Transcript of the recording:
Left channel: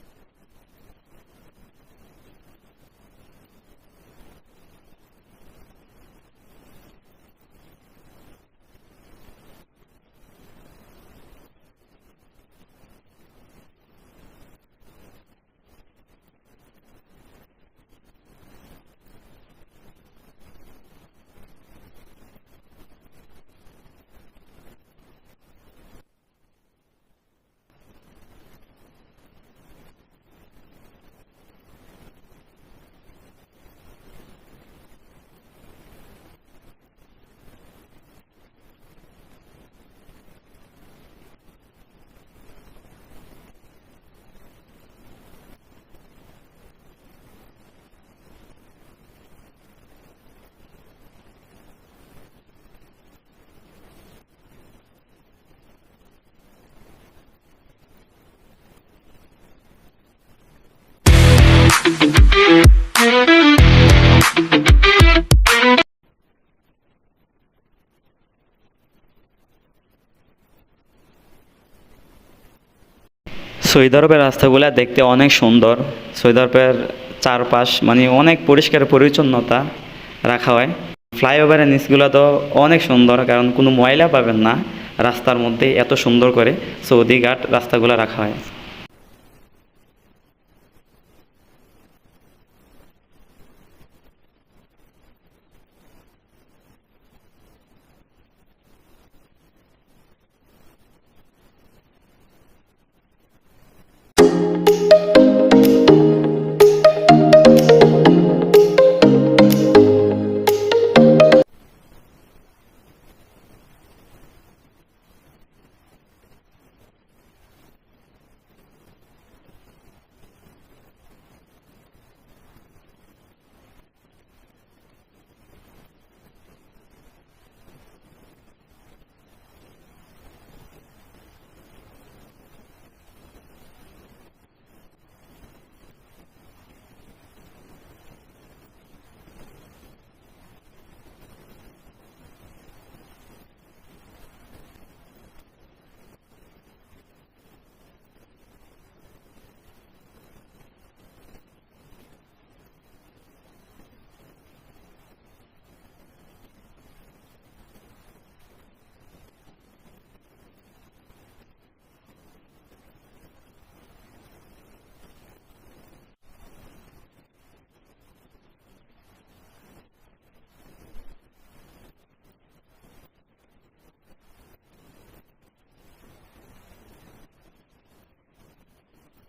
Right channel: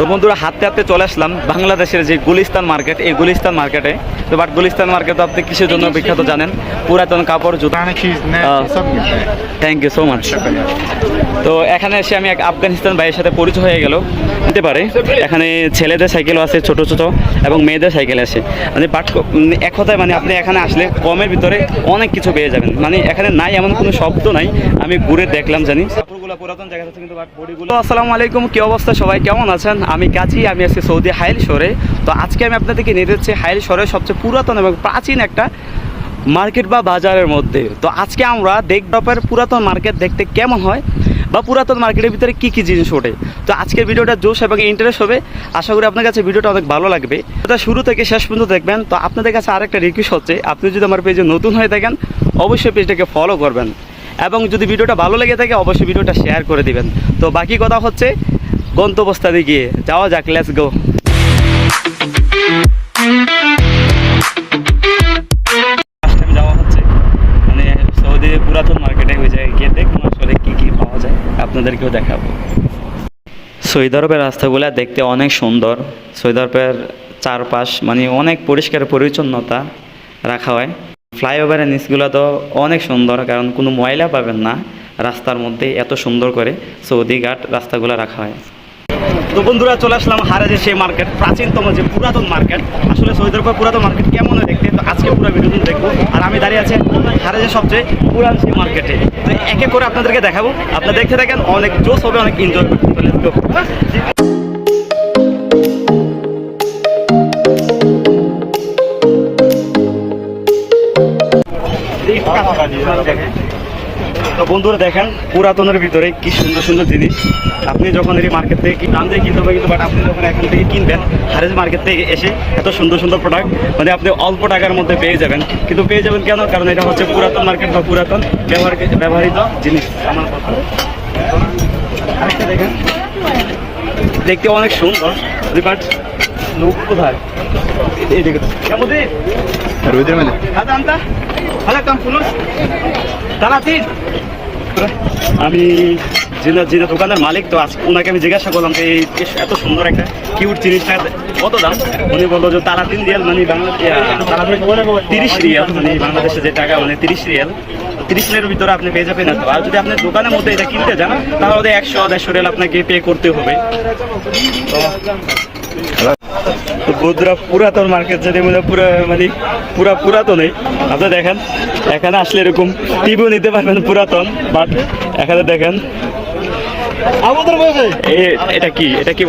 তো বন্ধুরা হাঁটতে হাঁটতে চলে আসলাম বাংলাদেশের যে গুলিস্তান মার্কেট, এই গুলিস্তান মার্কেটে। তো বাট গুলিস্তান মার্কেট তো আপনি কিসের জন্য বিখ্যাত জানেন? পুরাতন কাপড়, জুতা। Thank you so much. তো এখানে এসে আমি এক আফগানিস্তান ভাইয়ের সাথে পরিচয় হয়ে গেল। হতে পারে এখানে ছেলেদের সাইকেলও আছে, ছোট ছোট, এবং মেয়েদের সাইকেল আছে। মানে বাট এক কথায় মানে আপনি এখানে আসলে কমের ভিতরে অনেক কিছু পেয়ে যাবেন। মানে এখানে নাই এমন কোনো শব্দ নাই, আমি ঘুরে দেখলাম জানি। কাপড়গুলো পুরাতন জায়গা আছে কিন্তু বাট বডিগুলো। আসসালামু আলাইকুম, কি অবস্থা সবাই, কেমন আছেন? আমি কাজী, আমি আছি সৌদি হাইল শহরে। তো আজকে আমি আপনাদেরকে নিয়ে যাচ্ছি হাইল শহরের সবচেয়ে পুরাতন এবং প্রাচীন একটা মার্কেট বা বাজারের মধ্যে। তো আজকে আমরা দেখব পুরাতন মার্কেট দেখতে কেমন হয় বা পুরাতন মার্কেটের ভিতরে কী কী জিনিস ওঠে। তো আজকের ভিডিওটা জোশ এবং ইন্টারেস্ট হবে, আশা করি আপনার কাছে ভিডিওটা অনেক ভালো লাগবে। এটা শুরু থেকে শেষ পর্যন্ত দেখবেন। তো আপনাদের কাছে আরেকটা রিকোয়েস্ট হচ্ছে, আপনি যদি আমার পেজে নতুন হয়ে থাকেন অবশ্যই পেজটাকে ফলো করবেন, এবং যদি ভিডিওটা ভালো লেগে থাকে অবশ্যই ভিডিওটা শেয়ার করে দিবেন। তো বাকি কথা হচ্ছে গন্তব্যস্থানে গিয়ে যাওয়া যাক, লেটস গো। যাওয়া হচ্ছে মানে সৌদি পুরাতন মার্কেটে, ওই জায়গায় গিয়ে দেখুন আসলে কী কী পাওয়া যায়, আপনাদেরকেও দেখাবো। সৌদি আরবের রাস্তাগুলো দেখতে অনেক সুন্দর। সৌদি আরবের চারপাশ মানে অনেক পরিষ্কার পরিচ্ছন্নতা রাখা হয়। ফ্লাইওভারের নিচগুলো তো অনেক সুন্দর, কারণ কোনো ময়লা পাবেন না রাস্তার মধ্যে, এত সুন্দর করে সৌদি ঘাট রাস্তাগুলো রাখা হয়। তো বন্ধুরা চলে আসলাম হারাজের সেই মার্কেট, প্রাচীনতম যে পুরাতন মার্কেট। আসলে সৌদি আরবের পুরাতন মার্কেট কেমন হয় দেখতে, তো আজকে পুরো ভিডিও দেখবো। আর আমি দাঁড়িয়ে আছি হারাজের সবচেয়ে পুরান সেই মার্কেটে। তো একে করে আপনাদেরকে দেখাবো, আপনারা দেখতে থাকেন, অনেক জোশ হবে, অনেক এনজয় করতে। তো বন্ধুরা দেখেন পুরাতনের ভিতরে কি সুন্দর সুন্দর জিনিস। আপনি যখন এই মার্কেট থেকে দাম দিয়ে কিনতে হবে, কিন্তু বাট আপনি যখন এখান থেকে কিনবেন হারেজ মার্কেট থেকে এসে এত সুন্দর সুন্দর প্রোডাক্ট মানে আপনি অল্প টাকার মধ্যে পেয়ে যাবেন। কিন্তু পেয়ে যাবেন কেন? কারণ এটা হচ্ছে পুরাতন মার্কেট বা পুরাতন ব্যবহৃত জিনিস। আমার কথা আরেকটা দেখেন, দেখতে অনেক সুন্দর, বাট লোক কোথায়? এই দেখে আমি যে দোকানের মালিক, তো ওনাকে আমি জিজ্ঞাসা করলাম যে এত সুন্দর একটা কিউট জিনিসটা কত দাম। উনি বললো যে তালাতিন রিয়াল, মানে 30 রিয়াল, মানে বাংলাদেশে যে টাকা মানে 30 রিয়াল। 30 রিয়ালের ভিতরে আপনি পেয়ে যাবেন। আর যদি আপনি দোকানের মধ্যে এটা কিনতে যান তাহলে 100-150 রিয়াল আপনাকে পে করতে হবে। তো বন্ধুরা পুরাতন মার্কেট যদি পুরা পুরাতনই। আপনি দেখেন এখানে আসলে এরকম টিভিও নিতে পারবেন পুরাতন, বাট এখানে দেখেন এটা কি